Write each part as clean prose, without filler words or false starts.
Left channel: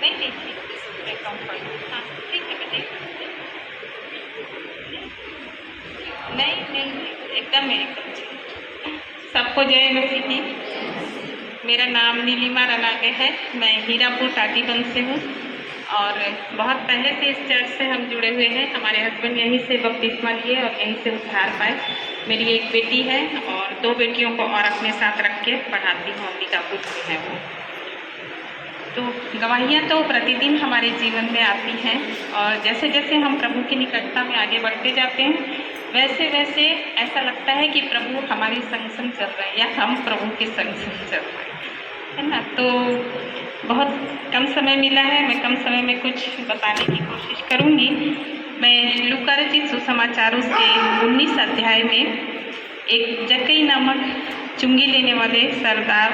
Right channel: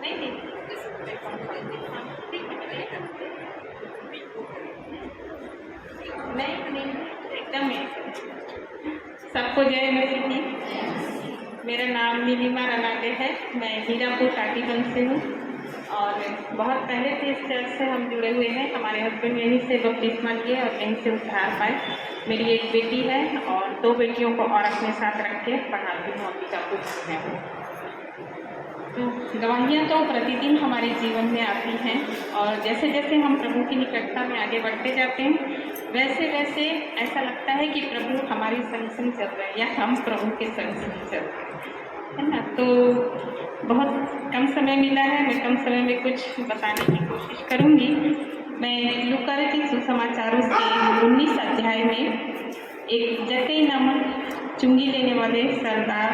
नहीं नहीं ठीक है बताइए। नहीं नहीं एकदम सबको जय मसीह की। मेरा नाम नीलिमा रनागे है। मैं हीरापुर टाटीबंध से हूँ और बहुत पहले से इस चर्च से हम जुड़े हुए हैं। हमारे हस्बैंड यहीं से बपतिस्मा लिए और यहीं से उद्धार पाए। मेरी एक बेटी है और 2 बेटियों को और अपने साथ रख के पढ़ाती हूँ। अंबिकापुर से है वो। तो गवाहियाँ तो प्रतिदिन हमारे जीवन में आती हैं और जैसे जैसे हम प्रभु की निकटता में आगे बढ़ते जाते हैं वैसे वैसे ऐसा लगता है कि प्रभु हमारे संग संग चल रहे हैं या हम प्रभु के संग संग चल रहे हैं, है ना। तो बहुत कम समय मिला है, मैं कम समय में कुछ बताने की कोशिश करूँगी। मैं लूका रचित सुसमाचारों से 19 अध्याय में एक जक्कई नामक चुंगी लेने वाले सरदार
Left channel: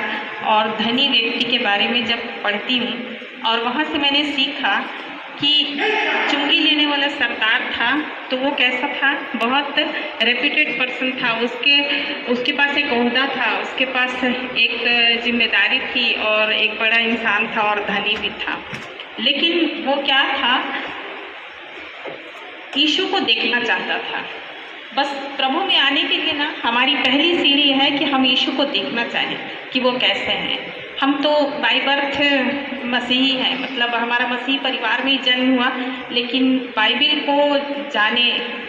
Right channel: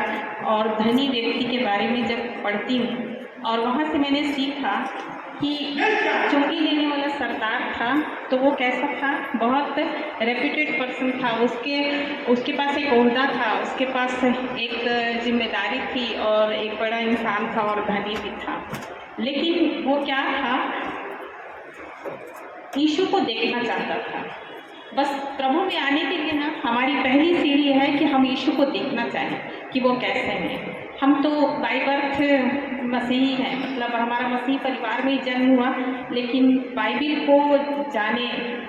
और धनी व्यक्ति के बारे में जब पढ़ती हूँ और वहाँ से मैंने सीखा कि चुंगी लेने वाला सरदार था तो वो कैसा था, बहुत रेप्यूटेड पर्सन था। उसके पास एक ओहदा था, उसके पास एक जिम्मेदारी थी और एक बड़ा इंसान था और धनी भी था। लेकिन वो क्या था, यीशु को देखना चाहता था। बस प्रभु में आने के लिए ना हमारी पहली सीढ़ी है कि हम यीशु को देखना चाहें कि वो कैसे हैं। हम तो बाय बर्थ मसीही हैं, मतलब हमारा मसीही परिवार में ही जन्म हुआ, लेकिन बाइबिल को जाने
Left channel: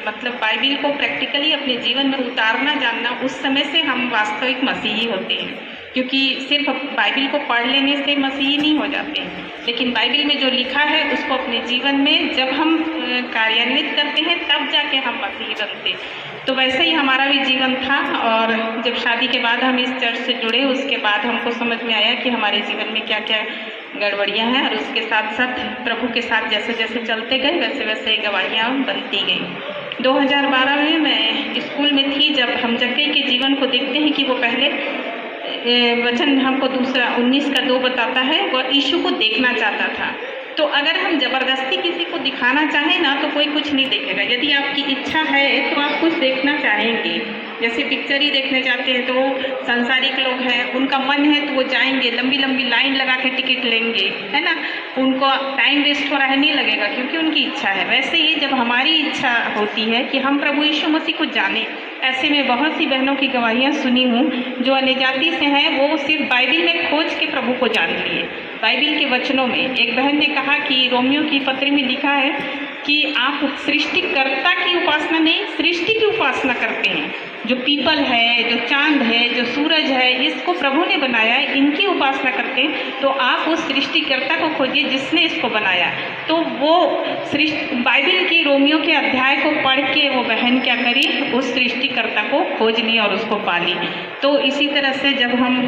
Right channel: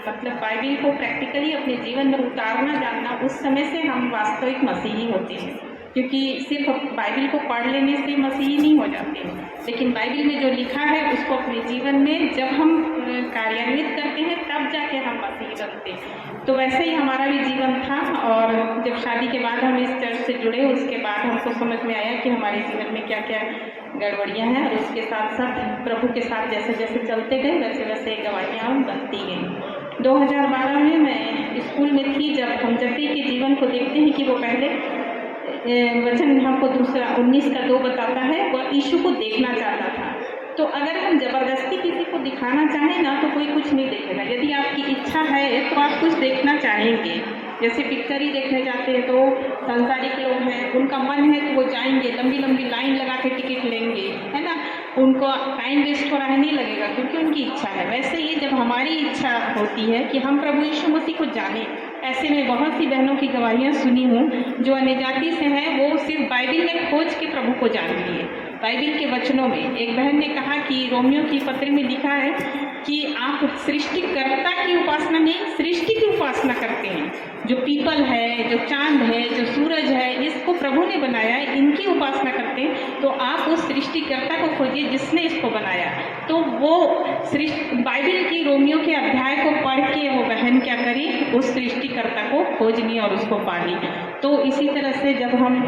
मतलब बाइबिल को प्रैक्टिकली अपने जीवन में उतारना जानना उस समय से हम वास्तविक मसीही होते हैं। क्योंकि सिर्फ बाइबिल को पढ़ लेने से मसीही नहीं हो जाते हैं, लेकिन बाइबिल में जो लिखा है उसको अपने जीवन में जब हम कार्यान्वित करते हैं तब जाके हम मसीही बनते हैं। तो वैसे ही हमारा भी जीवन था और जब शादी के बाद हम इस चर्च से जुड़े उसके बाद हमको समझ में आया कि हमारे जीवन में क्या क्या गड़बड़ियाँ हैं और उसके साथ साथ प्रभु के साथ जैसे जैसे चलते गए वैसे वैसे गवाहियाँ बनती गई। 2012 में मैं स्कूल में थी जब हम जक्कई के जीवन को देखते हैं कि वो पहले वचन हमको दूसरा 19 का 2 बताता है, वह यीशु को देखना चाहता था। तो अगर हम ज़बरदस्ती किसी को दिखाना चाहें ना तो कोई कुछ नहीं देखेगा। यदि आपकी इच्छा है तो आप कुछ देखना चाहेंगे। जैसे पिक्चर ही देखने जाते हैं तो सांसारिक लोग हैं, उनका मन है तो वो जाएंगे, लंबी लंबी लाइन लगा के टिकट लेंगे, है ना। उनको टाइम वेस्ट हो रहा है नहीं लगेगा क्योंकि उनकी इच्छा है। वैसे ही जब हमारी इच्छा होती है कि हम प्रभु यीशु मसीह को जानें, ऐसे में बहुत सी बहनों की गवाहियाँ सुनी हूँ जो अन्य जाति से हैं, वो सिर्फ बाइबिल में खोज के प्रभु को जान लिए। बाइबिल के वचनों में एक बहन ने कहा कि रोमियो की पत्र में लिखा है कि आप सृष्टिकर्ता की उपासना नहीं, सृष्टि की उपासना करते हैं। जो पीपल है, जो चांद है, जो सूरज है, इसको प्रभु ने बनाया है, इनकी उपासना करते हैं। तो आप उस सृष्टिकर्ता को खोजिए जिसने इसको बनाया। तो वो बाइबिल की रोमियो के अध्याय को पढ़ के वो बहन क्या करी, उस सृष्टिकर्ता को खोज ली और उसको पाली। तो इसी तरह से जब हम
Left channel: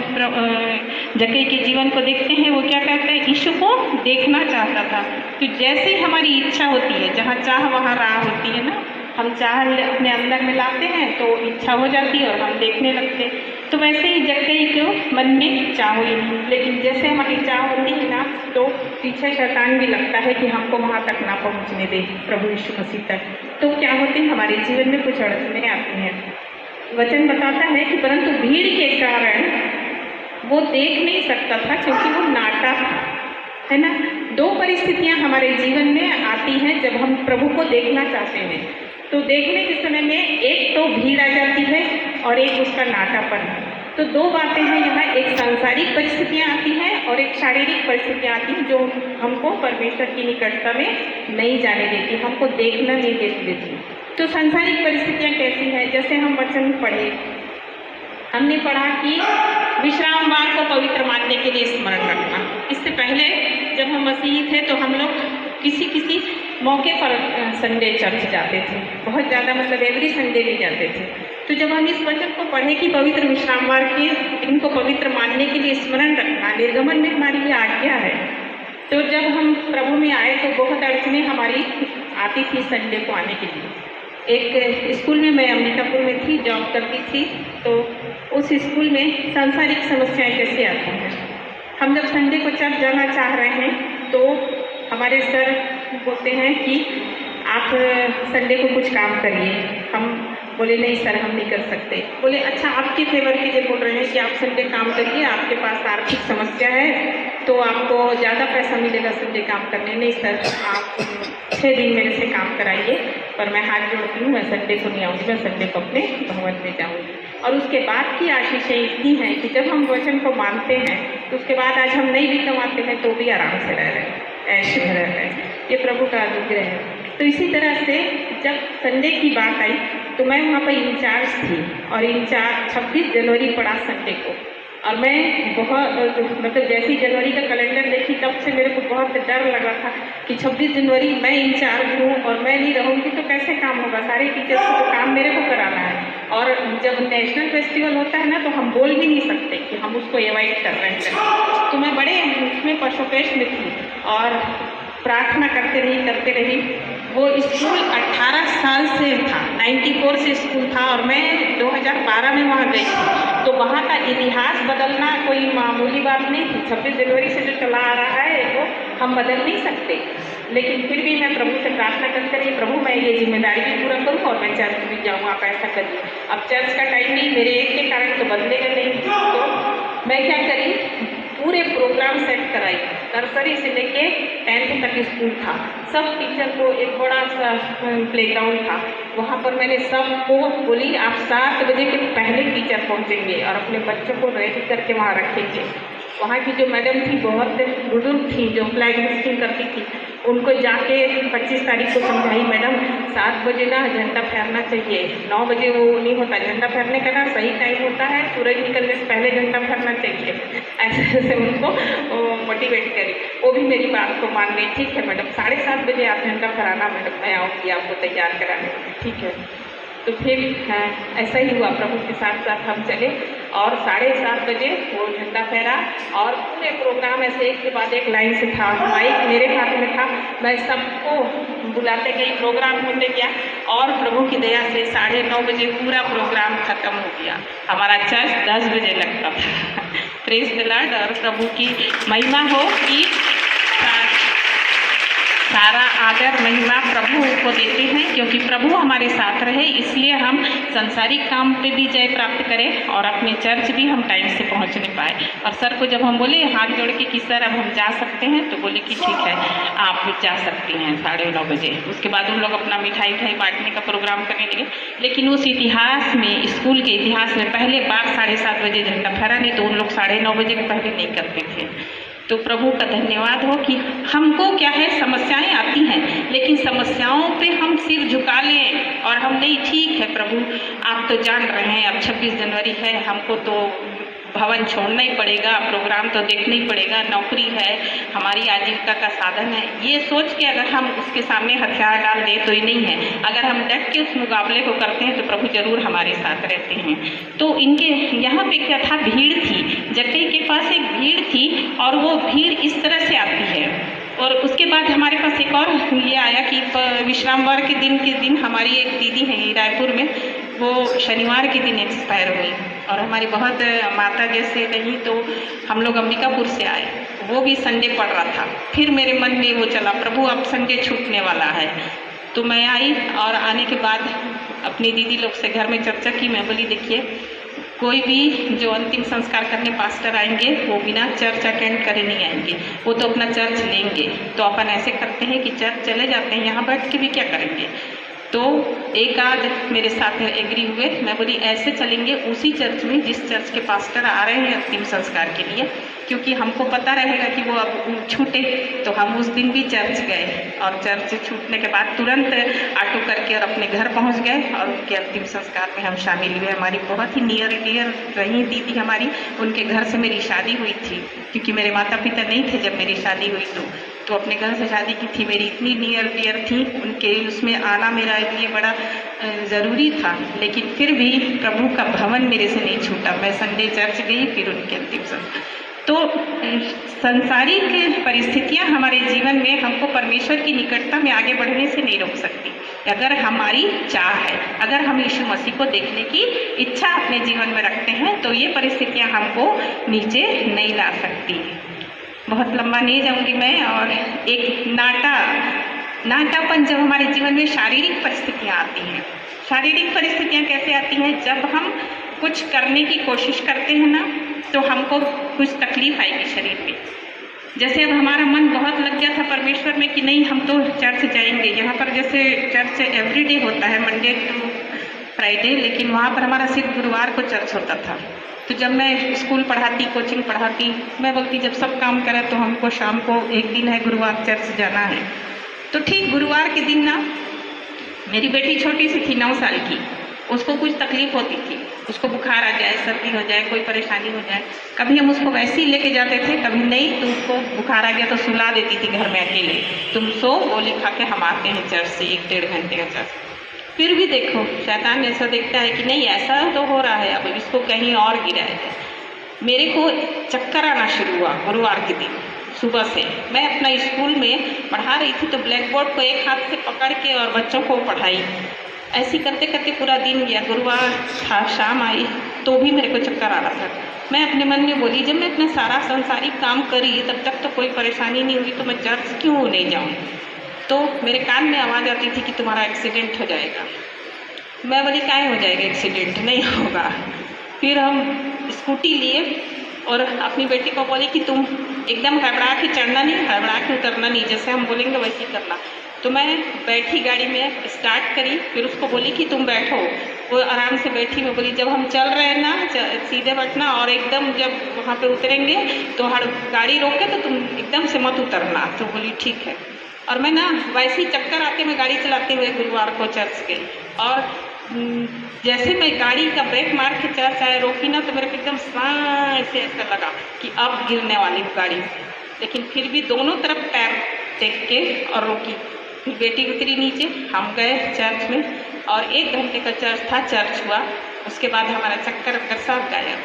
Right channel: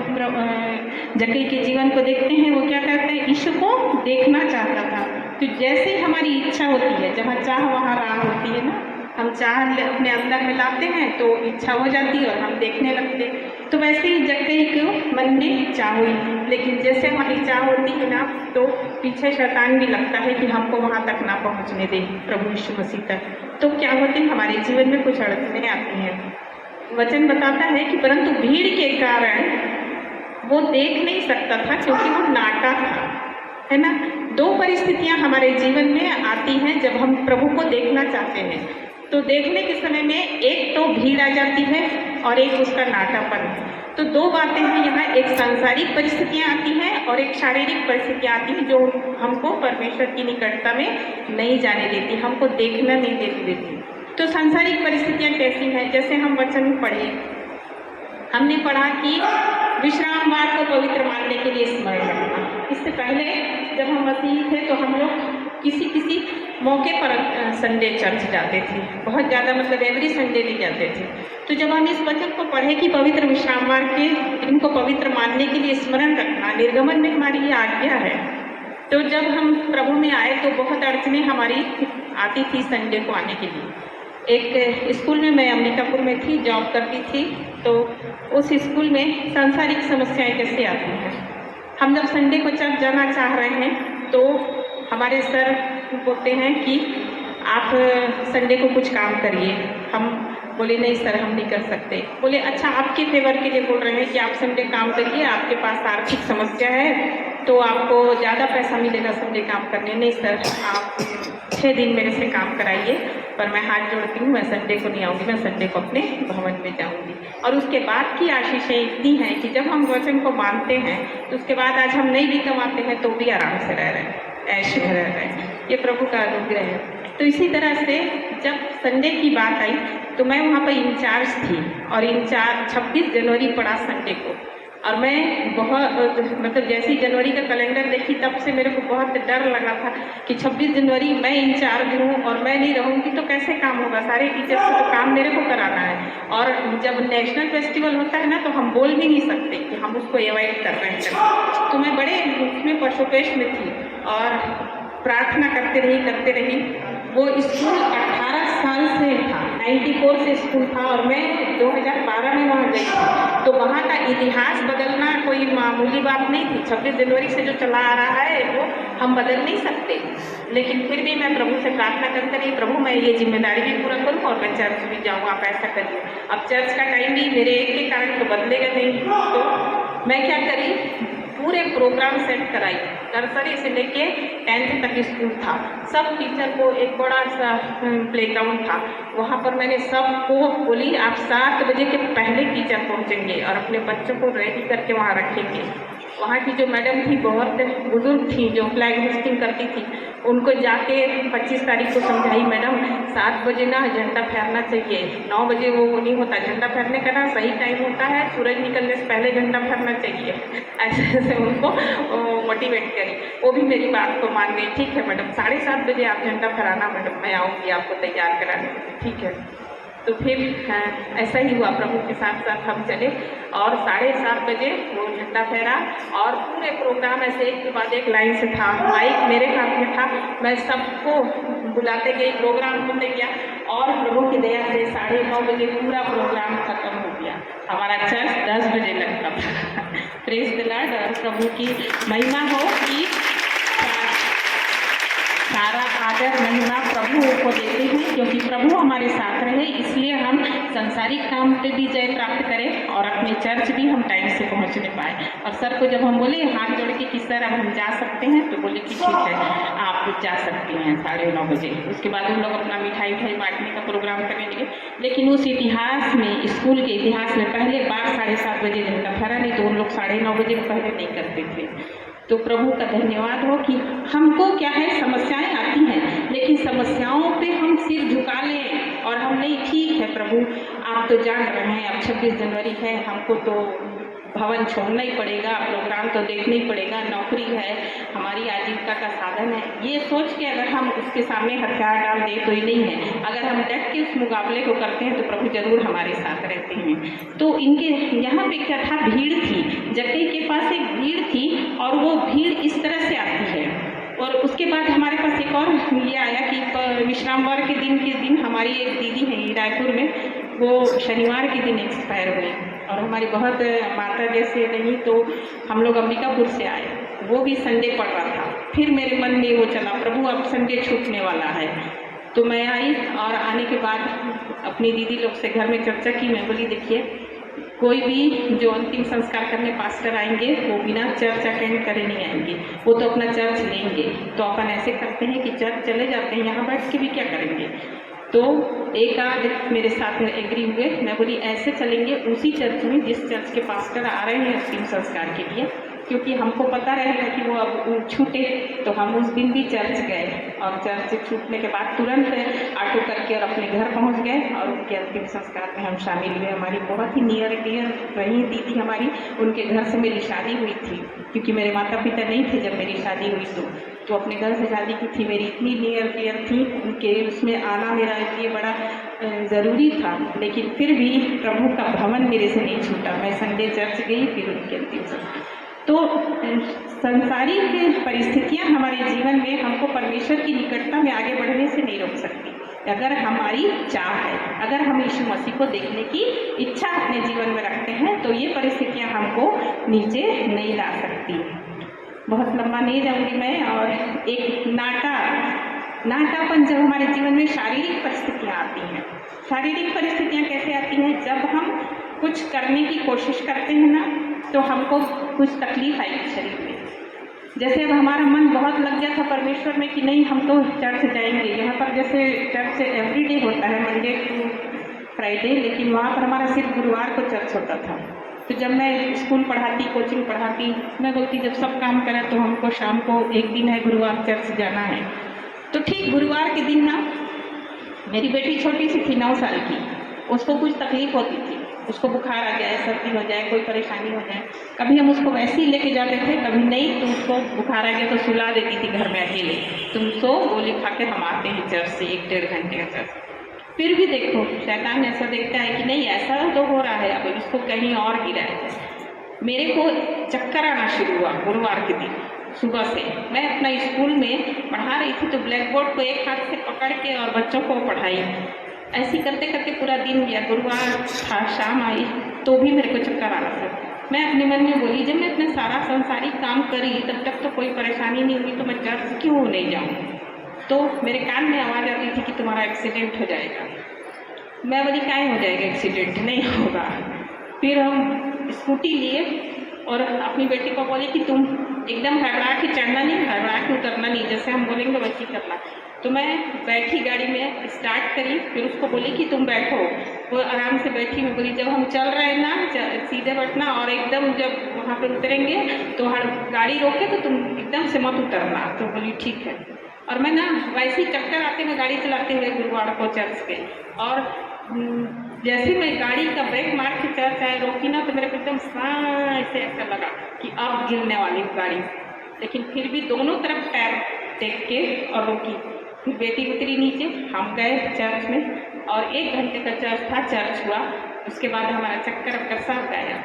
जक्कई के जीवन को देखते हैं, वो क्या कहते हैं, यीशु को देखना चाहता था। तो जैसे ही हमारी इच्छा होती है, जहाँ चाह वहाँ राह होती है ना, हम चाह अपने अंदर में लाते हैं तो इच्छा हो जाती है और हम देखने लगते हैं। तो वैसे ही जक्कई के मन में चाह हुई, लेकिन जैसे हमारी चाह होती है ना तो पीछे शैतान भी लगता है कि हमको वहाँ तक ना पहुँचने दे, प्रभु यीशु मसीह तक। तो क्या होती है, हमारे जीवन में कुछ अड़चनें आती हैं। वचन बताता है कि परंतु भीड़ के कारण वो देख नहीं सकता था क्योंकि वो नाटा था, है ना। 2 परिस्थितियाँ हमारे जीवन में आती हैं जब हम प्रभु को देखना चाहते हैं। तो देखने के समय में एक तो भीड़ आ जाती है और एक उसका नाटापन। तो 2 बातें हैं यहाँ, एक सांसारिक परिस्थितियाँ आती हैं और एक शारीरिक परिस्थितियाँ आती हैं जो हमको परमेश्वर की निकटता में नहीं जाने देती, हमको देखना नहीं देती। तो सांसारिक परिस्थितियाँ कैसी हैं, जैसे हम वचन पढ़े, हमने पढ़ा कि विश्राम वार को पवित्र मानने के लिए स्मरण रखना। इससे पहले जब हम मसीही थे तो हम लोग किसी मौके पर संडे चर्च जाते थे, बहुत ज़्यादा मतलब एवरी संडे नहीं जाते थे। तो जब हम इस वचन को पढ़े कि पवित्र विश्रामवार के इनको पवित्र मानने के लिए स्मरण रखना, निर्गमन में हमारी ये आज्ञा है। तो जब हम प्रभु में आए तो बहुत अड़चनें हमारी आती थी संडे को आने के लिए। एक स्कूल में मैं अंबिकापुर में थी, जॉब करती थी, तो उस स्कूल में सांसारिक समस्याएं कैसे आती हैं। हम जब संडे को चर्च जाना चाह रहे हैं तो हमारे सर बोलते हैं कि आप संडे को कुछ काम करिए, हम बोले नहीं सर हम नहीं कर सकते। बोले अच्छा आपके फेवर के लिए बोल रहे हैं कि आप संडे काम करिए, आपके पास आर्थिक समस्या है तो आपको ज़्यादा पैसा मिलेगा संडे काम करने। नहीं सर आप 6 दिन मेरे से काम कराइए, पर मैं हाथ जोड़ती हूँ, मैं संडे को नहीं आऊँगी, मैं संडे को अपने भवन में जाऊँगी। और उसके बाद की आशीषें इतनी हैं कि जब हम वचन को मानते हैं तो उसके बाद आज हम नहीं भी कमाते हैं तो भी आराम से रह रहे हैं, ऐश में रह रहे हैं। ये प्रभु का अनुग्रह है। तो इसी तरह से जब संडे की बात आई तो मैं वहाँ पर इंचार्ज थी और इंचार्ज 26 जनवरी पड़ा संडे को। और मैं बहुत मतलब जैसी जनवरी का कैलेंडर देखी तब से मेरे को बहुत डर लग रहा था कि 26 जनवरी मैं इंचार्ज हूँ और मैं नहीं रहूँगी तो कैसे काम होगा, सारे टीचर्स को तो काम मेरे को कराना है। और जब नेशनल फेस्टिवल होता है ना तो हम बोल भी नहीं सकते कि हम उसको अवॉइड कर रहे हैं। तो मैं बड़े उसमें परसोपेश में थी और प्रार्थना करते रही। वो स्कूल 18 साल से था, 94 से स्कूल था और मैं 2012 में वहाँ गई थी। तो वहाँ का इतिहास बदलना कोई मामूली बात नहीं थी। 26 जनवरी से जो चला आ रहा है वो हम बदल नहीं सकते, लेकिन फिर भी मैं प्रभु से प्रार्थना करते रही, प्रभु मैं ये जिम्मेदारी भी पूरा करूँ और मैं चर्च भी जाऊँ, आप ऐसा करिए। अब चर्च का टाइम भी मेरे एक के कारण तो बदलेगा नहीं, तो मैं क्या करी, पूरे प्रोग्राम सेट कराई। नर्सरी से लेके 10th तक स्कूल था, सब टीचर को एक बड़ा सा प्लेग्राउंड था, वहाँ पर मैंने सबको बोली आप 7 बजे के पहले टीचर पहुँचेंगे और अपने बच्चों को रेडी करके वहाँ रखेंगे। वहाँ की जो मैडम थी बहुत बुजुर्ग थी जो फ्लैग होस्टिंग करती थी, उनको जाके 25 तारीख को समझाई, मैडम 7 बजे ना झंडा फहरना चाहिए, 9 बजे वो नहीं होता झंडा फहरने का ना सही टाइम होता है, सूरज निकलने से पहले झंडा फहरना चाहिए। ऐसे उनको मोटिवेट करी, वो भी मेरी बात को मान गई। ठीक है मैडम 7:30 बजे आप झंडा फहराना, मैडम मैं आऊँगी आपको तैयार कराने के लिए। ठीक है, तो फिर ऐसा ही हुआ, प्रभु के साथ साथ हम चले और 7:30 बजे वो झंडा फहरा और पूरे प्रोग्राम ऐसे एक के बाद एक लाइन से था, माइक मेरे हाथ में था, मैं सबको बुलाते गई, प्रोग्राम होने गया और प्रभु की दया से 9:30 बजे पूरा प्रोग्राम खत्म हो गया। हमारा चर्च 10 बजे लगता था। Praise the Lord. और प्रभु की महिमा हो कि सारा आदर महिमा प्रभु को देते हैं, क्योंकि प्रभु हमारे साथ रहे इसलिए हम संसारिक काम पे भी जय प्राप्त करें और अपने चर्च भी हम टाइम से पहुंचने पाए। और सर को जब हम बोले हाथ जोड़ के कि सर अब हम जा सकते हैं, तो बोले कि ठीक है आप जा सकती हैं 9:30 बजे। उसके बाद उन लोग अपना मिठाई बांटने का प्रोग्राम करने लगे। लेकिन उस इतिहास में, स्कूल के इतिहास में पहले बार 7:30 बजे झंडा फहरा, नहीं तो उन लोग 9:30 बजे के पहले नहीं करते थे। तो प्रभु का धन्यवाद हो कि हमको क्या है, समस्याएं आती हैं लेकिन समस्याओं पे हम सिर झुका लें और हम नहीं, ठीक है प्रभु आप तो जान रहे हैं अब 26 जनवरी है, हमको तो भवन छोड़ना ही पड़ेगा, प्रोग्राम तो देखना ही पड़ेगा, नौकरी है, हमारी आजीविका का साधन है, ये सोच के अगर हम उसके सामने हथियार डाल दें तो ये नहीं है। अगर हम डट के उस मुकाबले को करते हैं तो प्रभु जरूर हमारे साथ रहते हैं। तो इनके यहाँ पे क्या था, भीड़ थी, जक्कई के पास एक भीड़ थी और वो भीड़ इस तरह से आती है। और उसके बाद हमारे पास एक और ये आया कि विश्रामवार के दिन हमारी एक दीदी है रायपुर में, वो शनिवार के दिन एक्सपायर हुई और हमारी बहुत माता जैसे नहीं, तो हम लोग अंबिकापुर से आए, वो भी संडे पड़ रहा था। फिर मेरे मन में वो चला, प्रभु अब संडे छूटने वाला है, तो मैं आई और आने के बाद अपनी दीदी लोग से घर में चर्चा की। मैं बोली देखिए कोई भी जो अंतिम संस्कार करने पास्टर आएंगे वो बिना चर्च अटेंड करे नहीं आएंगे, वो तो अपना चर्च लेंगे। तो अपन ऐसे करते हैं कि चर्च चले जाते हैं, यहाँ बैठ के भी क्या करेंगे। तो एक आध मेरे साथ एग्री हुए, मैं बोली ऐसे चलेंगे उसी चर्च में जिस चर्च के पास्टर आ रहे हैं अंतिम संस्कार के लिए, क्योंकि हमको पता रहेगा कि वो अब छूटे। तो हम उस दिन भी चर्च गए और चर्च छूटने के बाद तुरंत ऑटो करके और अपने घर पहुंच गए और उनके अंतिम संस्कार में हम शामिल हुए। हमारी बहुत ही नियर रही दीदी हमारी, उनके घर से मेरी शादी हुई थी, क्योंकि मेरे माता पिता नहीं थे जब मेरी शादी हुई, तो अपने घर से शादी की थी, मेरी इतनी नियर डियर थी, उनके उसमें आना मेरा लिए बड़ा ज़रूरी था। लेकिन फिर भी प्रभु का भवन मेरे से नहीं छूटा, मैं संडे चर्च गई, फिर उनके अंतिम संस्कार। तो संसारिक परिस्थितियां हमारे जीवन में हमको परमेश्वर की निकटता में आगे बढ़ने से नहीं रोक सकती। अगर हमारी चाह है, अगर हम यीशु मसीह को देखने की इच्छा अपने जीवन में रखते हैं, तो ये परिस्थितियां हमको नीचे नहीं ला सकती। बहुत लंबा नहीं जाऊंगी मैं। और एक नाटा नाटापन जब हमारे जीवन में शारीरिक परिस्थितियाँ आती हैं। शारीरिक परिस्थितियाँ कैसे आती हैं? जब हम कुछ करने की कोशिश करते हैं ना, तो हमको कुछ तकलीफ आएगी शरीर में। जैसे अब हमारा मन बहुत लग गया था परमेश्वर में कि नहीं हम तो चर्च जाएंगे। यहाँ पर जैसे चर्च एवरीडे होता है, मंडे टू फ्राइडे, लेकिन वहाँ पर हमारा सिर्फ गुरुवार को चर्च होता था। तो जब मैं स्कूल पढ़ाती, कोचिंग पढ़ाती, मैं बोलती जब सब काम करें तो हमको शाम को एक दिन है गुरुवार चर्च जाना है। तो ठीक गुरुवार के दिन ना मेरी बेटी छोटी सी थी, 9 साल की, उसको कुछ तकलीफ होती थी, उसको बुखार आ जाए, सर्दी हो जाए, कोई परेशानी हो जाए। कभी हम उसको वैसे ही लेके जाते थे, कभी नहीं तो उसको बुखार आ गया तो सुला देती थी घर में अकेले, तुम सो, गोली खा के हम आते हैं चर्च से 1-1.5 घंटे का चर्च। फिर भी देखो शैतान ऐसा देखता है कि नहीं ऐसा तो हो रहा है, अब इसको कहीं और गिराया जाए। मेरे को चक्कर आना शुरू हुआ गुरुवार के दिन सुबह से। मैं अपना स्कूल में पढ़ा रही थी तो ब्लैक बोर्ड को एक हाथ से पकड़ के और बच्चों को पढ़ाई। ऐसी करते करते पूरा दिन गया। गुरुवार था, शाम आई तो भी मेरे को चक्कर आ रहा था। मैं अपने मन में बोली जब मैं अपना सारा संसारिक काम करी तब तक तो कोई परेशानी नहीं हुई, तो मैं चर्च क्यों नहीं जाऊँ? तो मेरे कान में आवाज़ आती थी कि तुम्हारा एक्सीडेंट हो जाएगा। मैं बोली काहे हो जाएगा एक्सीडेंट? नहीं होगा। फिर हम स्कूटी लिए और अपनी बेटी को बोली कि तुम एकदम हड़बड़ा के चढ़ना नहीं, हड़बड़ा के उतरना नहीं, जैसे हम बोलेंगे वैसे ही करना। तो मैं बैठी गाड़ी में, स्टार्ट करी, फिर उसको बोली कि तुम बैठो। वो आराम से बैठी। मैं बोली जब हम चल रहे हैं ना सीधे बैठना, और एकदम जब वहाँ पर उतरेंगे तो गाड़ी रोके तो तुम एकदम से मत उतरना। तो बोली ठीक है। और मैं ना वैसे ही चक्कर आते मैं गाड़ी चलाते हुए गुरुवार को चर्च गई, और जैसे मैं गाड़ी का ब्रेक मार के चर्च आए, रोकी ना, तो मेरे को एकदम ऐसे ऐसा लगा कि अब गिरने वाली गाड़ी। लेकिन फिर भी दोनों तरफ पैर टेक के और रोकी। फिर बेटी उतरी नीचे, हम गए चर्च में, और 1 घंटे का चर्च था, चर्च हुआ। उसके बाद हमारा चक्कर सब गायब।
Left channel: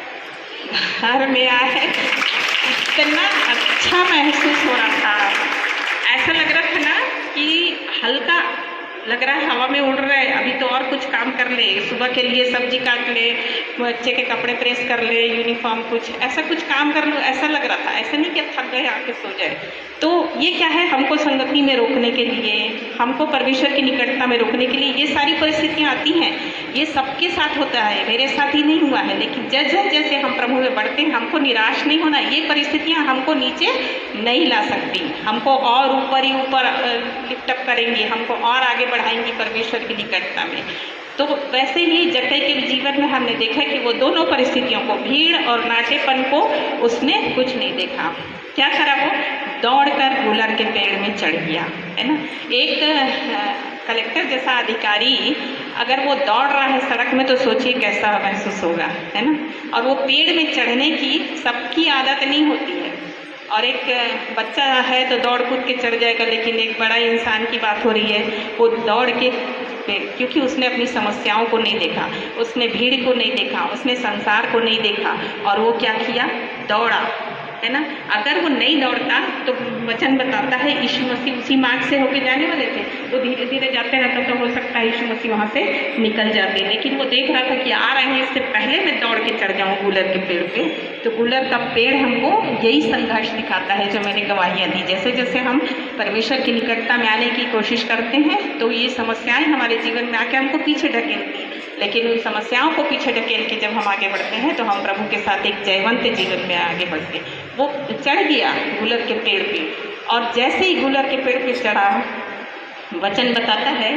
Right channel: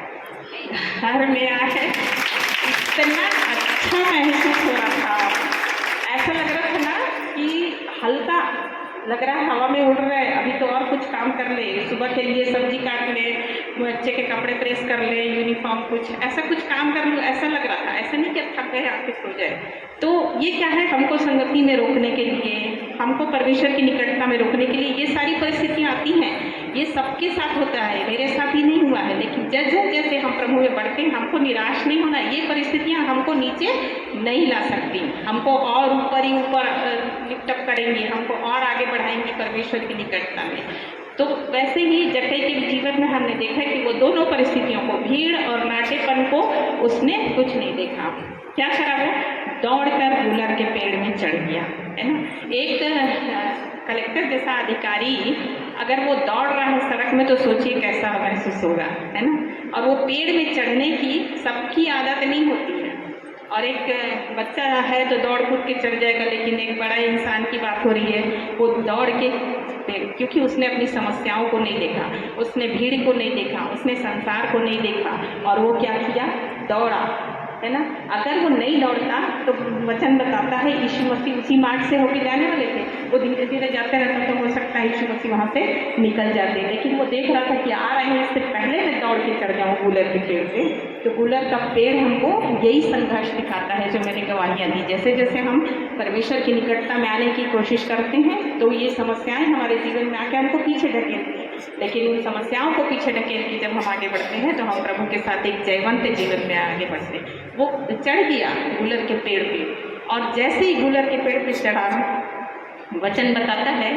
घर में आए इतना अच्छा महसूस हो रहा था, ऐसा लग रहा था ना कि हल्का लग रहा है, हवा में उड़ रहा है। अभी तो और कुछ काम कर ले, सुबह के लिए सब्जी काट ले, बच्चे के कपड़े प्रेस कर ले, यूनिफॉर्म कुछ ऐसा कुछ काम कर लो, ऐसा लग रहा था। ऐसा नहीं कि थक गए आके सो जाए। तो ये क्या है, हमको संगति में रोकने के लिए, हमको परमेश्वर की निकटता में रोकने के लिए ये सारी परिस्थितियाँ आती हैं। ये सबके साथ होता है, मेरे साथ ही नहीं हुआ है। लेकिन जैसे जैसे हम प्रभु में बढ़ते हैं, हमको निराश नहीं होना। ये परिस्थितियाँ हमको नीचे नहीं ला सकती, हमको और ऊपर ही ऊपर लिफ्ट अप करेंगी, हमको और आगे बढ़ाएंगी परमेश्वर की निकटता में। तो वैसे ही जक्कई के जीवन में हमने देखा कि वो दोनों परिस्थितियों को, भीड़ और नाटेपन को, उसने कुछ नहीं देखा। क्या करा? वो दौड़कर गुलर के पेड़ में चढ़ गया, है ना। एक कलेक्टर जैसा अधिकारी अगर वो दौड़ रहा है सड़क में तो सोचिए कैसा महसूस होगा, है ना। और वो पेड़ में चढ़ने की सबकी आदत नहीं होती है, और एक बच्चा है तो दौड़ कूद के चढ़ जाएगा, लेकिन एक बड़ा इंसान की बात हो रही है, वो दौड़ के, क्योंकि उसने अपनी समस्याओं को नहीं देखा, उसने भीड़ को नहीं देखा, उसने संसार को नहीं देखा, और वो क्या किया? दौड़ा, है ना। अगर वो नहीं दौड़ता तो वचन बताता है यीशु मसीह उसी मार्ग से होके जाने वाले थे। वो धीरे धीरे जाते रहता तो हो सकता है यीशु मसीह वहाँ से निकल जाते, लेकिन वो देख रहा था कि आ रहे हैं, इससे पहले मैं दौड़ के चढ़ जाऊँ गुलर के पेड़ पे। तो गुलर का पेड़ हमको यही संघर्ष दिखाता है जो मैंने गवाहियाँ दी। जैसे जैसे हम परमेश्वर की निकटता में आने की कोशिश करते हैं तो ये समस्याएँ हमारे जीवन में आके हमको पीछे ढकेलती हैं, लेकिन उन समस्याओं को पीछे ढकेल के जब हम आगे बढ़ते हैं तो हम प्रभु के साथ एक जयवंत जीवन में आगे बढ़ते हैं। वो चढ़ गया गुलर के पेड़ पे, और जैसे ही गुलर के पेड़ पे चढ़ा, वचन बताता है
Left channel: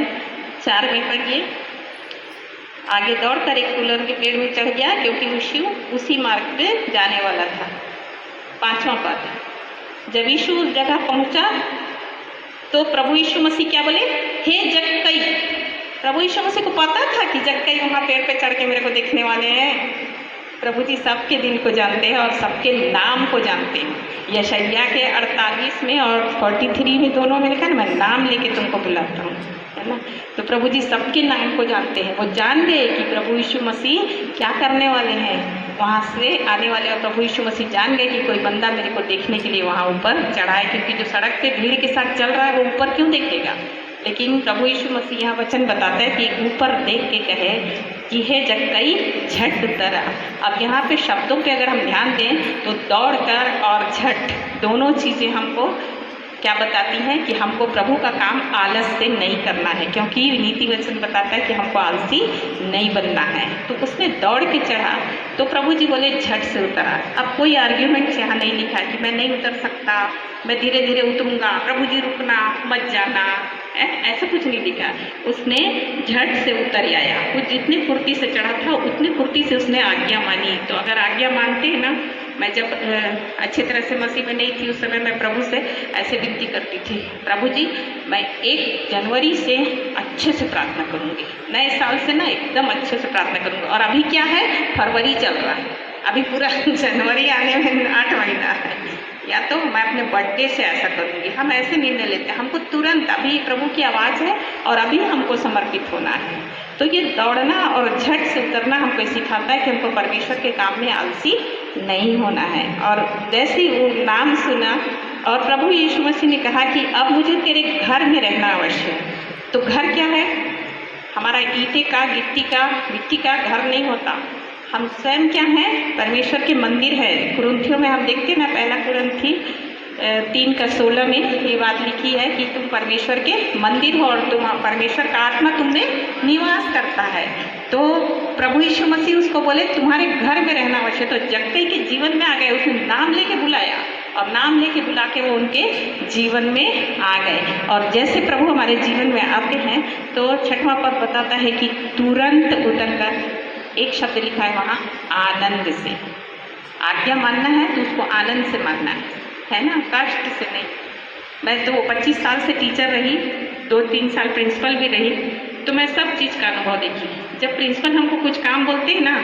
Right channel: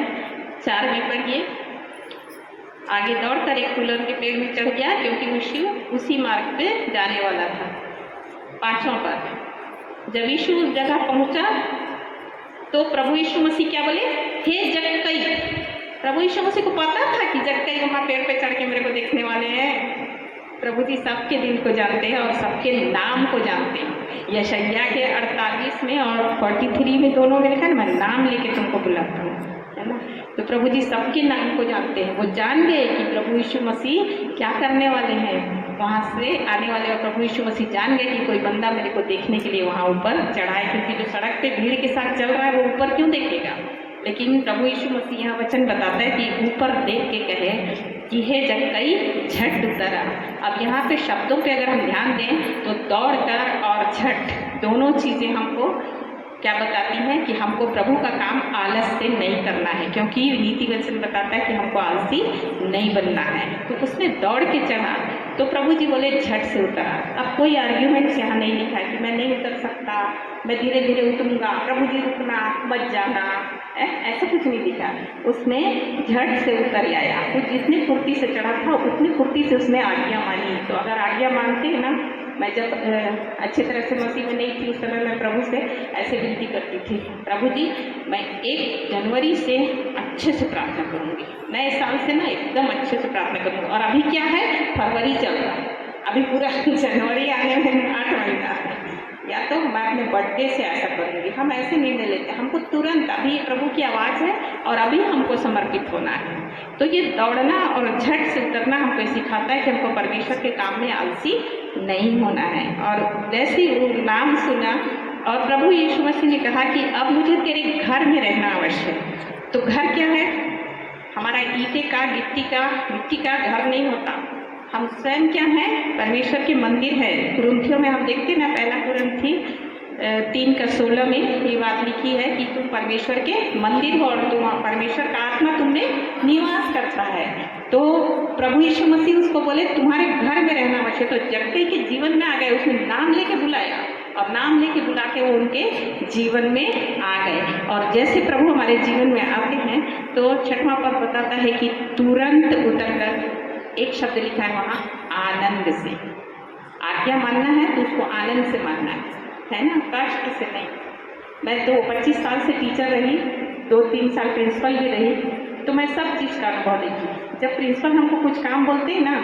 4 में पढ़िए, आगे दौड़कर एक गुलर के पेड़ में चढ़ गया क्योंकि यीशु उसी मार्ग पे जाने वाला था। 5वां पद, जब यीशु उस जगह पहुंचा तो प्रभु यीशु मसीह क्या बोले? हे जक्कई। प्रभु यीशु मसीह को पता था कि जक्कई वहाँ पेड़ पे चढ़ के मेरे को देखने वाले हैं। प्रभु जी सबके दिल को जानते हैं और सबके नाम को जानते हैं। यशायाह के 48 में और 43 में दोनों में लिखा है, मैं नाम लेके तुमको बुलाता हूँ, है ना। तो प्रभु जी सबके नाम को जानते हैं। वो जान गए कि प्रभु यीशु मसीह क्या करने वाले हैं, वहाँ से आने वाले। और प्रभु यीशु मसीह जान गए कि कोई बंदा मेरे को देखने के लिए वहाँ ऊपर चढ़ा है, क्योंकि जो सड़क पे भीड़ के साथ चल रहा है वो ऊपर क्यों देखेगा। लेकिन प्रभु यीशु मसीह यहाँ वचन बताता है कि ऊपर देख के कहे कि हे जक्कई झट उतर। अब यहाँ पे शब्दों पे अगर हम ध्यान दें तो दौड़ कर और झट दोनों चीज़ें हमको क्या बताती हैं कि हमको प्रभु का काम आलस से नहीं करना है, क्योंकि नीति वचन बताता है कि हमको आलसी नहीं बनना है। तो उसने दौड़ के चढ़ा तो प्रभु जी बोले झट से उतरा। अब कोई आर्ग्यूमेंट यहाँ नहीं लिखा कि मैं नहीं उतर सकता, मैं धीरे धीरे उतरूंगा, प्रभु जी रुकना मत जाना, ऐसा कुछ नहीं लिखा। उसने झट से उतर आया। वो जितनी फुर्ती से चढ़ा था उतनी फुर्ती से उसने आज्ञा मानी। तो अगर आज्ञा मानते हैं ना, मैं जब अच्छी तरह से मसीह में नहीं थी उस समय मैं प्रभु से ऐसे विनती करती थी, प्रभु जी मैं 1 जनवरी से अच्छे से प्रार्थना करूँगी, नए साल से ना एकदम अच्छे से प्रार्थना करूँगी। और अभी क्या है, फरवरी चल रहा है, अभी पूरा जनवरी आने में 8 महीना है, या तो मैं अपने बर्थडे से ऐसा करूँगी। हम ऐसे निर्णय लेते हैं, हमको तुरंत अभी प्रभु की आवाज़ है और अभी हमको समर्पित होना है। तो ये दौड़ना और झट से उतरना हमको सिखाता है कि हमको परमेश्वर के काम में आलसी नहीं होना है। और जैसे ही वो नाम सुना और प्रभु यीशु मसीह ने कहा कि अब मुझे तेरे घर में रहना अवश्य है। तो घर क्या है, हमारा ईंटे का मिट्टी का घर नहीं होता, हम स्वयं क्या हैं, परमेश्वर के मंदिर है। कुरिन्थियों में हम देखते हैं ना, 1 कुरिन्थी 3:16 में ये बात लिखी है कि तुम परमेश्वर के मंदिर हो और तुम परमेश्वर का आत्मा तुम में निवास करता है। तो प्रभु यीशु मसीह उसको बोले तुम्हारे घर में रहना अवश्य। तो जक्कई के जीवन में आ गए, उसने नाम लेके बुलाया और नाम लेके बुला के वो उनके जीवन में आ गए। और जैसे प्रभु हमारे जीवन में आते हैं तो 6वां पद बताता है कि तुरंत उतरकर, एक शब्द लिखा है वहाँ, आनंद से। आज्ञा मानना है तो उसको आनंद से मानना है ना, कष्ट से नहीं। मैं तो 25 साल से टीचर रही, 2-3 साल प्रिंसिपल भी रही, तो मैं सब चीज़ का अनुभव देखी। जब प्रिंसिपल हमको कुछ काम बोलते हैं ना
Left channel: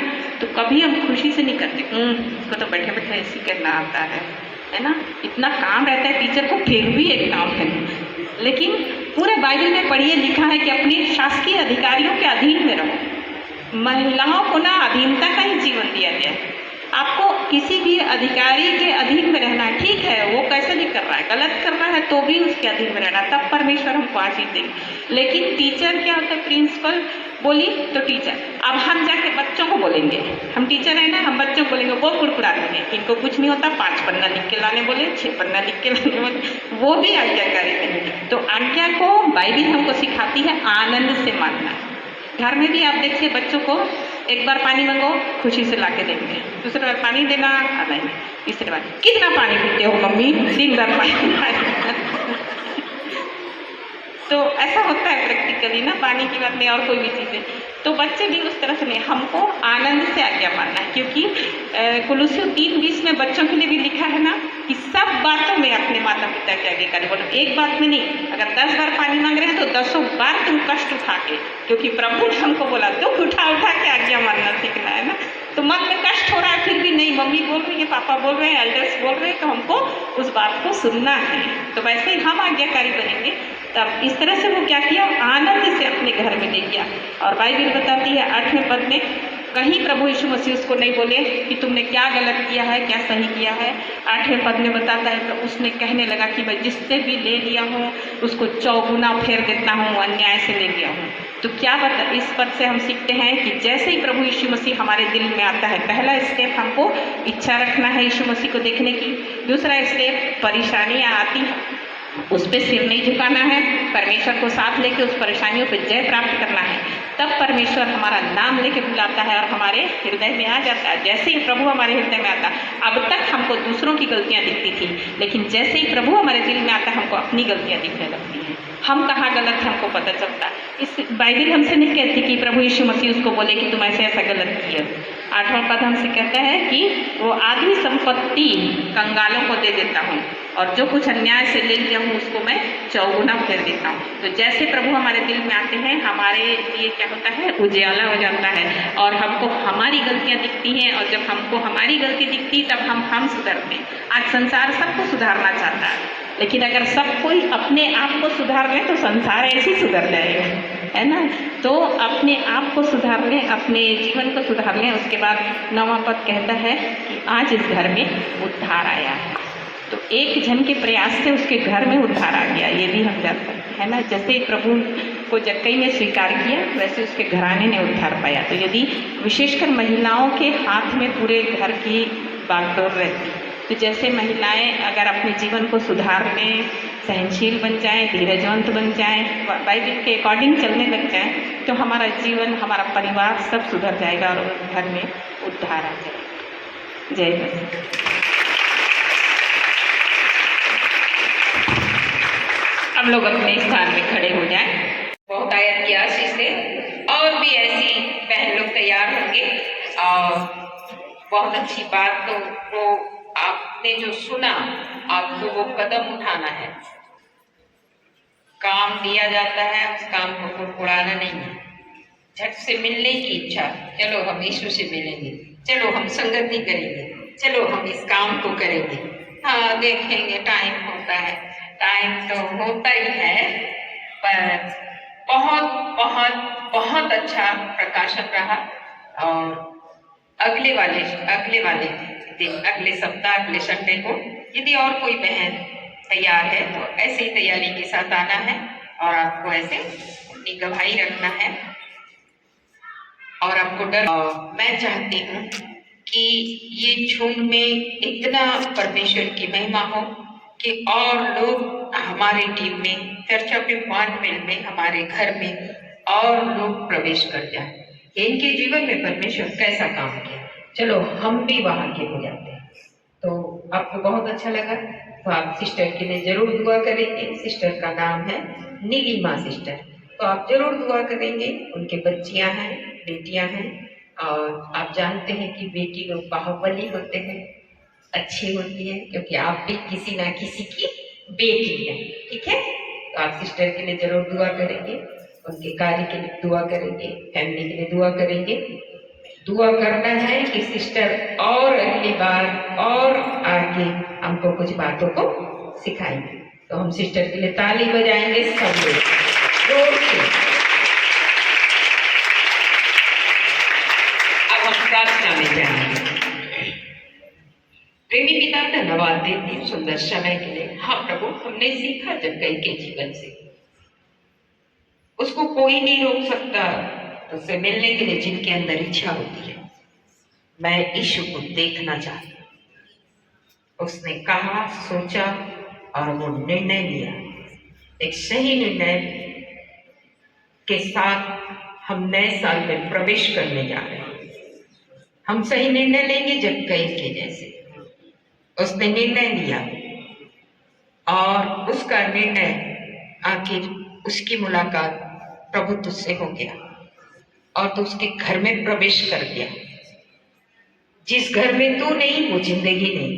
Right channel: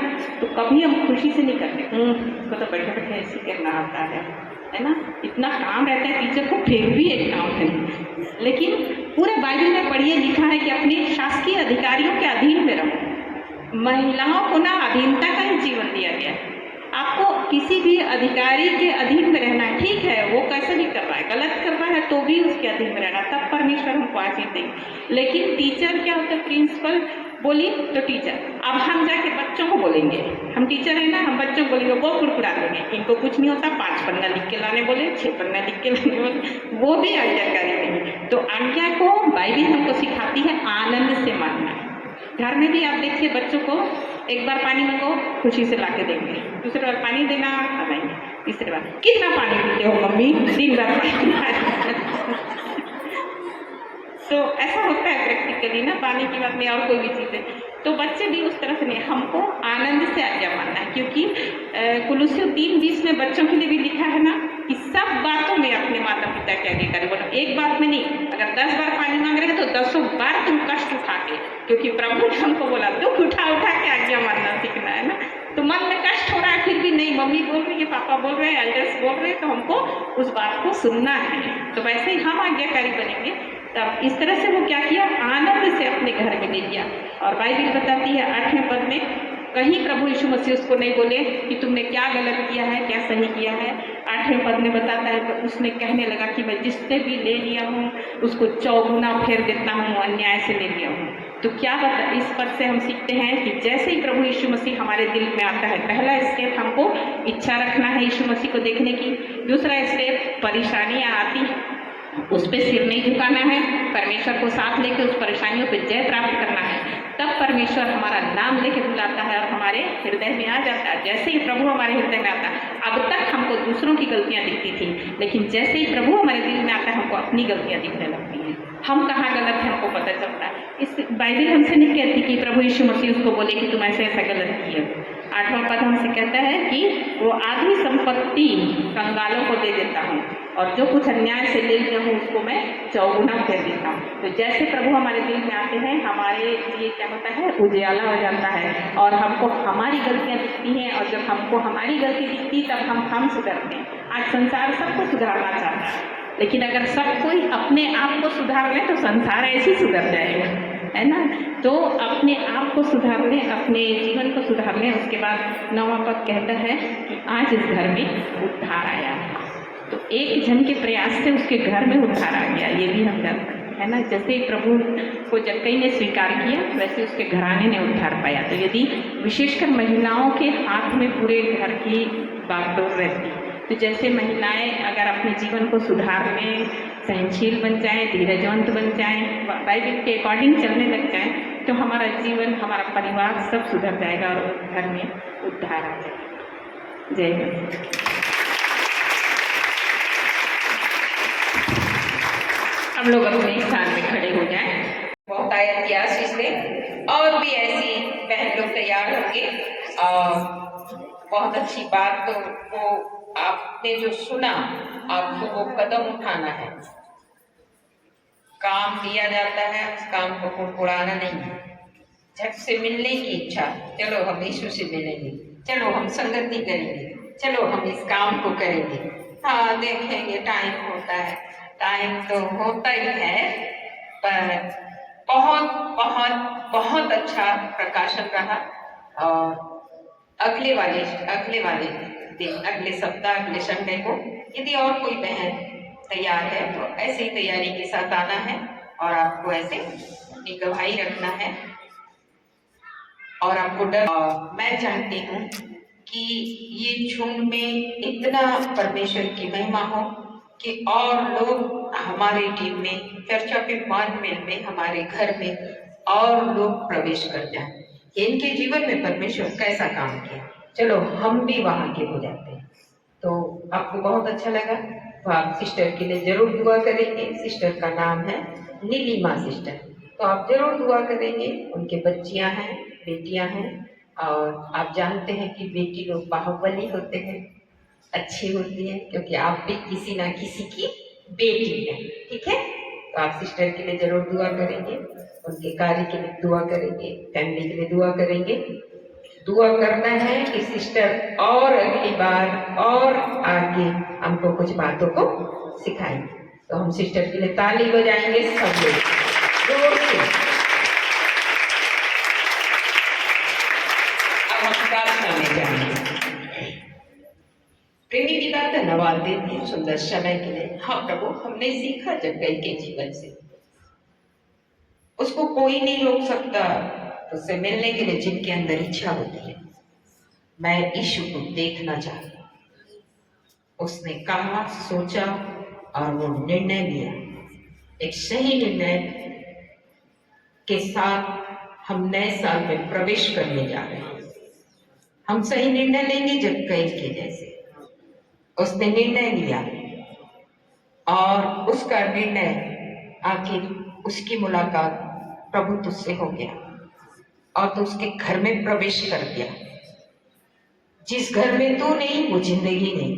तो कभी हम खुशी से नहीं करते, उसको तो बैठे बैठे ऐसे करना आता है ना, इतना काम रहता है टीचर को फिर भी एक काम है। लेकिन पूरे बाइबल में पढ़िए, लिखा है कि अपने शासकीय अधिकारियों के अधीन में रहो। महिलाओं को ना अधीनता का ही जीवन दिया गया है। आपको किसी भी अधिकारी के अधीन में रहना है, ठीक है वो कैसा नहीं कर रहा है, गलत कर रहा है तो भी उसके अधीन में रहना, तब परमेश्वर हमको आशीष देंगे। लेकिन टीचर क्या होता है, प्रिंसिपल बोली तो टीचर, अब हम जाके बच्चों को बोलेंगे, हम टीचर है ना, हम बच्चों को बोलेंगे वो कुड़कुड़ा देंगे, इनको कुछ नहीं होता, 5 पन्ना लिख के लाने बोले, 6 पन्ना लिख के लाने बोले, वो भी आज्ञाकारी नहीं। तो आज्ञा को बाइबल हमको सिखाती है आनंद से मानना। घर में भी आप देखिए, बच्चों को एक बार पानी मंगो, खुशी से ला के देंगे, दूसरी बार पानी देना नहीं, तीसरी बार कितना पानी पीते हो मम्मी, 3 बार पानी तो ऐसा होता है प्रैक्टिकली ना, पानी की बात नहीं और कोई भी चीज़ें। तो बच्चे भी उस तरह से नहीं, हमको आनंद से आज्ञा मानना है। क्योंकि कुलुस्सियों 3:20 में बच्चों के लिए भी लिखा है ना कि सब बातों में अपने माता पिता के अधिकारी बोलो, एक बात में नहीं। अगर 10 बार पानी मांग रहे हैं तो 10 बार तुम कष्ट उठा के, क्योंकि प्रभु ने हमको बोला तो उठा के आज्ञा मानना सीखना है ना। तो मन में कष्ट हो रहा है फिर भी नहीं, मम्मी बोल रही है, पापा बोल रहे हैं, एल्डर्स बोल रहे हैं, तो हमको उस बात को सुनना है। तो वैसे ही हम आज्ञाकारी बनेंगे। तब इस तरह से वो क्या किया, आनंद से अपने घर में ले गया। और बाइबल बताती है 8वें पद में, कहीं प्रभु यीशु मसीह उसको नहीं बोले कि तुमने क्या गलत किया है, क्या सही किया है। 8वें पद में बताता है तो उसने कहने लगा कि मैं जिससे भी ले लिया हूँ उसको 4 गुना फेर देता हूँ, अन्याय से ले लिया हूँ। तो क्या बता, इस पद से हम सीखते हैं कि जैसे ही प्रभु यीशु मसीह हमारे दिल में आता है, पहला स्टेप हमको इच्छा रखना है यीशु मसीह को देखने की। दूसरा स्टेप, परेशानियाँ आती हैं उस पर सिर नहीं झुकाना है, परमेश्वर को साथ लेकर उस परेशानियों पर जय प्राप्त करना है। तब परमेश्वर हमारा नाम लेके बुलाता है और हमारे हृदय में आ जाता है। जैसे ही प्रभु हमारे हृदय में आता है, अब तक हमको दूसरों की गलतियाँ दिखती थी, लेकिन जैसे ही प्रभु हमारे दिल में आता है हमको अपनी गलतियाँ दिखने लगती हैं। हम कहाँ गलत है हमको पता चलता है। इस बाइबल हमसे नहीं कहती कि प्रभु यीशु मसीह उसको बोले कि तुम ऐसे ऐसा गलत किया। 8वां पद हमसे कहता है कि वो आधी संपत्ति कंगालों को दे देता हूँ और जो कुछ अन्याय से ले लिया हूँ उसको मैं 4 गुना फेर देता हूँ। तो जैसे प्रभु हमारे दिल में आते हैं, हमारे लिए क्या होता है, उजियाला हो जाता है और हमको हमारी गलतियाँ दिखती हैं। और जब हमको हमारी गलती दिखती तब हम सुधरते हैं। आज संसार सबको सुधारना चाहता है, लेकिन अगर सब कोई अपने आप को सुधार ले तो संसार ऐसे ही सुधर जाएगा, है ना। तो अपने आप को सुधार लें, अपने जीवन को सुधार लें। उसके बाद 9वां पद कहता है कि आज इस घर में उद्धार आया है। तो एक जन के प्रयास से उसके घर में उद्धार आ गया, ये भी हम जानते हैं, है ना। जैसे प्रभु को जक्कई ने स्वीकार किया वैसे उसके घराने ने उद्धार पाया। तो यदि विशेषकर महिलाओं के हाथ में पूरे घर की बागडोर रहती तो जैसे महिलाएं अगर अपने जीवन को सुधारने, सहनशील बन जाएं, धीरजवंत बन जाएं, बाइबल के अकॉर्डिंग चलने लग जाएं, तो हमारा जीवन, हमारा परिवार सब सुधर जाएगा और घर में उद्धार आ जाएगा। जय मसीह। हम लोग अपने स्थान में खड़े हो जाएं। बहुत आयत की आशीष से और भी ऐसी बहन लोग तैयार होंगे। और बहुत अच्छी बात, तो वो आपने जो सुना, आपको वो कदम उठाना है। काम दिया जाता है, उस काम को कुड़कुड़ाना नहीं है। झट से मिलने की इच्छा, चलो हम यीशु से मिलेंगे, चलो हम संगति करेंगे, चलो हम इस काम को करेंगे। हाँ, देखेंगे, टाइम होता है, टाइम तो होता ही है, पर बहुत बहुत बहुत अच्छा प्रकाशन रहा। और अगले वाले दिन, अगले सप्ताह, अगले संडे को यदि और कोई बहन तैयार है तो ऐसे ही तैयारी के साथ आना है और आपको ऐसे अपनी गवाही रखना है। और आपको मैं चाहती हूँ कि ये झुंड में इतना परमेश्वर की महिमा हो कि और लोग हमारी टीम में, चर्चा पे मिल में, हमारे घर में और लोग प्रवेश कर जाए कि इनके जीवन में परमेश्वर कैसा काम किया, चलो हम भी वहां के हो जाते हैं। तो आपको बहुत अच्छा लगा तो आप सिस्टर के लिए जरूर दुआ करेंगे। सिस्टर का नाम है नीलिमा सिस्टर, तो आप जरूर दुआ करेंगे। उनके बच्चियां हैं, बेटियां हैं, और आप जानते हैं कि बेटी लोग बाहुबली होते हैं, अच्छी होती है, क्योंकि आप भी किसी ना किसी की बेटी है। ठीक है, तो आप सिस्टर के लिए जरूर दुआ करेंगे, उनके कार्य के लिए दुआ करेंगे, फैमिली के लिए दुआ करेंगे। दुआ करना है कि सिस्टर और अगली बार और आगे हमको कुछ बातों को सिखाएंगे। तो हम सिस्टर के लिए ताली बजाएंगे सब लोग जोर से। अब हम प्रार्थना में जाएंगे। प्रेमी पिता, धन्यवाद देती हूँ सुंदर समय के लिए। हाँ प्रभु, हमने सीखा जक्कई के जीवन से, उसको कोई नहीं रोक सकता उससे मिलने के लिए जिनके अंदर इच्छा होती है। मैं यीशु को देखना चाहता हूं। उसने कहा, सोचा और वो निर्णय लिया। एक सही निर्णय के साथ हम नए साल में प्रवेश करने जा रहे हैं। हम सही निर्णय लेंगे जक्कई के जैसे। उसने निर्णय लिया और उसका निर्णय, आखिर उसकी मुलाकात प्रभु तुझसे हो गया और तू उसके घर में प्रवेश कर गया। जिस घर में तू नहीं, वो जिंदगी नहीं।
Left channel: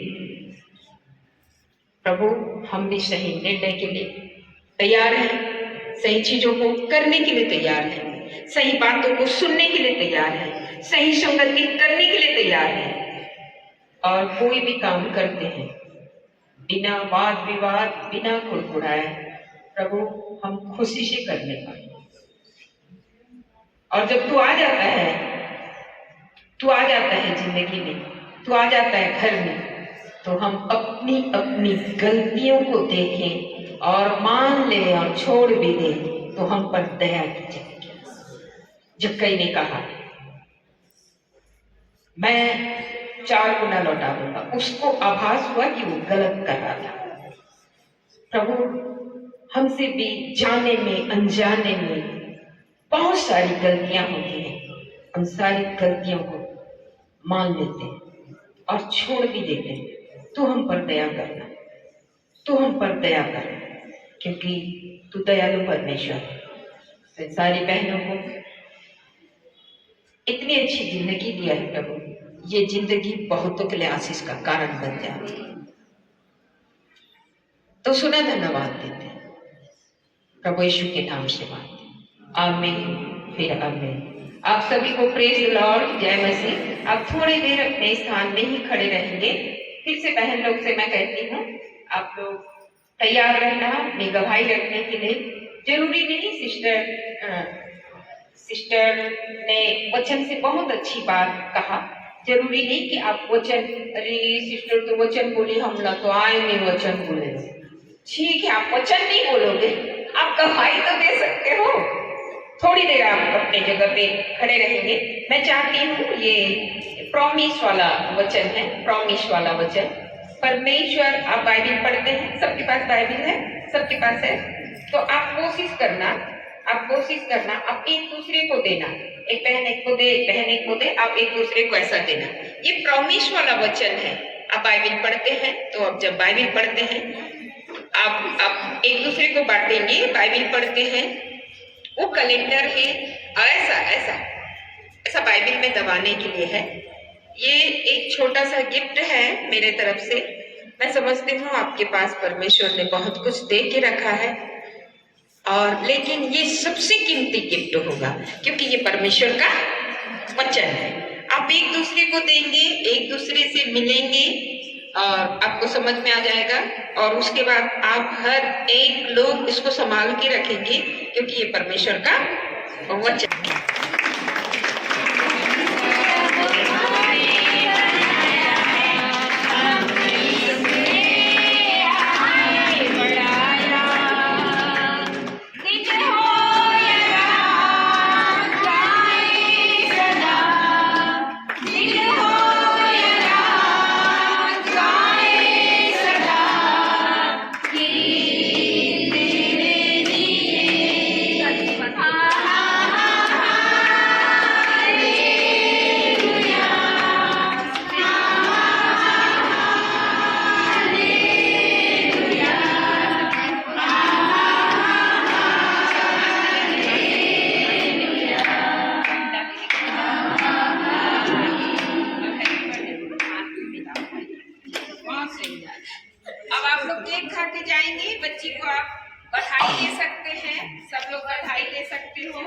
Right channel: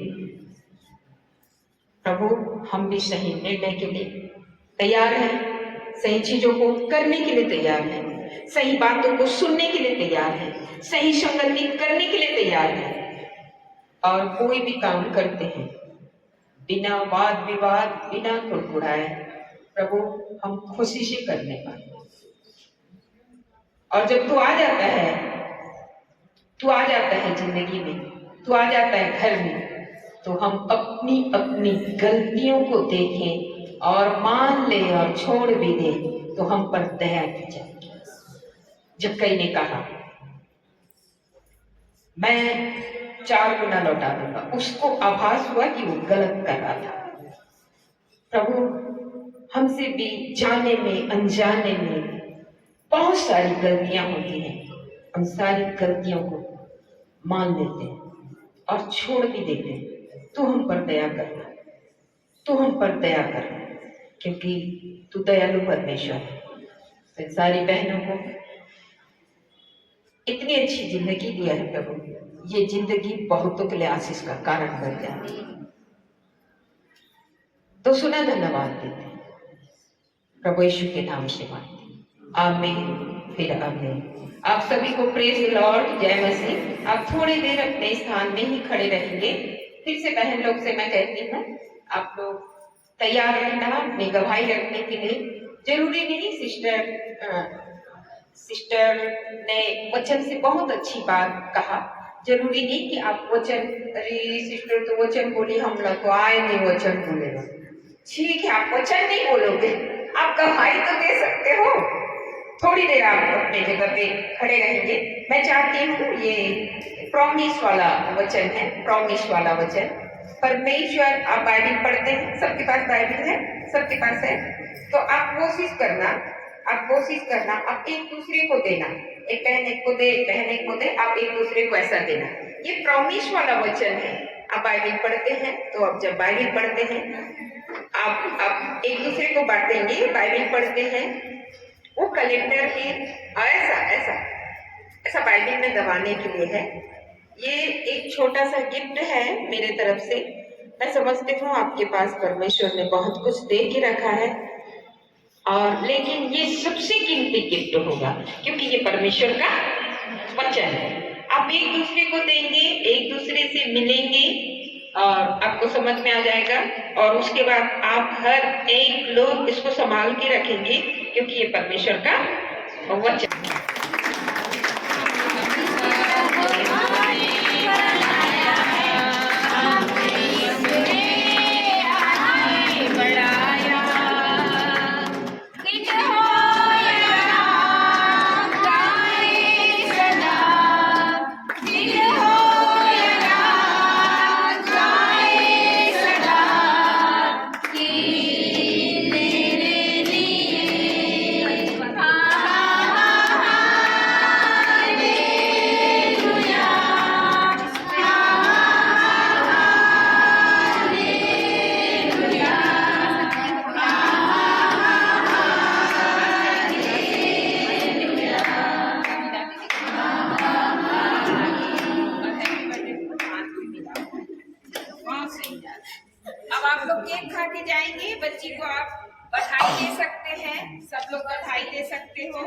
प्रभु, हम भी सही निर्णय के लिए तैयार हैं, सही चीजों को करने के लिए तैयार हैं, सही बातों को सुनने के लिए तैयार हैं, सही संगति करने के लिए तैयार हैं। और कोई भी काम करते हैं बिना वाद विवाद, बिना कुड़कुड़ाए, प्रभु हम खुशी से करने पाए। और जब तू आ जाता है जिंदगी में, तू आ जाता है घर में, तो हम अपनी अपनी गलतियों को देखें और मान ले और छोड़ भी दे, तो हम पर दया की जाएगी। जक्कई ने कहा, मैं 4 गुना लौटा दूंगा। उसको आभास हुआ कि वो गलत कर रहा था। प्रभु, हमसे भी जाने में अनजाने में बहुत सारी गलतियां होती हैं। उन सारी गलतियों को मान लेते हैं और छोड़ भी देते हैं। तू हम पर दया करना, तू हम पर दया करना, क्योंकि तू दयालु परमेश्वर है। सारी बहनों को इतनी अच्छी जिंदगी दिया है प्रभु, ये जिंदगी बहुतों के लिए आशीष का कारण बन जाती है। तो सुना धन्यवाद देते हैं प्रभु यीशु के नाम से मांगते, आमीन, फिर आमीन। आप सभी को प्रेज लॉर्ड, जय मसीह। आप थोड़ी देर अपने स्थान में ही खड़े रहेंगे। फिर से बहन लोग से मैं कहती हूँ, आप लोग तैयार रहना अपनी गवाही रखने के लिए। जरूरी नहीं, सिस्टर ने वचन से बहुत अच्छी बात कहा, जरूरी नहीं कि आप वचन, अरे सिस्टर तो वचन बोली, हम ना तो आएंगे वचन बोलेगा। ठीक है, आप वचन नहीं बोलोगे, आप गवाही तो दे सकते हो। थोड़ी देर आप अपने जगह पे खड़े रहेंगे। मैं चाहती हूँ, ये प्रॉमिस वाला वचन है, प्रॉमिस वाला वचन, परमेश्वर, आप बाइबल पढ़ते हैं, सबके पास बाइबल है, सबके पास है, तो आप कोशिश करना, आप एक दूसरे को देना, एक बहन एक को दे, एक बहन एक को दे, आप एक दूसरे को ऐसा देना। ये प्रॉमिस वाला वचन है। आप बाइबल पढ़ते हैं, तो आप जब बाइबल पढ़ते हैं, आप एक दूसरे को बांटेंगे। बाइबल पढ़ते हैं, वो कलेक्टर है, ऐसा ऐसा ऐसा बाइबल में दबाने के लिए है। ये एक छोटा सा गिफ्ट है मेरे तरफ से। मैं समझती हूँ आपके पास परमेश्वर ने बहुत कुछ दे के रखा है, और लेकिन ये सबसे कीमती गिफ्ट होगा क्योंकि ये परमेश्वर का वचन है। आप एक दूसरे को देंगे, एक दूसरे से मिलेंगे, और आपको समझ में आ जाएगा, और उसके बाद आप हर एक लोग इसको संभाल के रखेंगे क्योंकि ये परमेश्वर का वचन है। अब आप लोग केक खा के जाएंगे, बच्ची को आप बधाई दे सकते हैं, सब लोग बधाई दे सकते हो।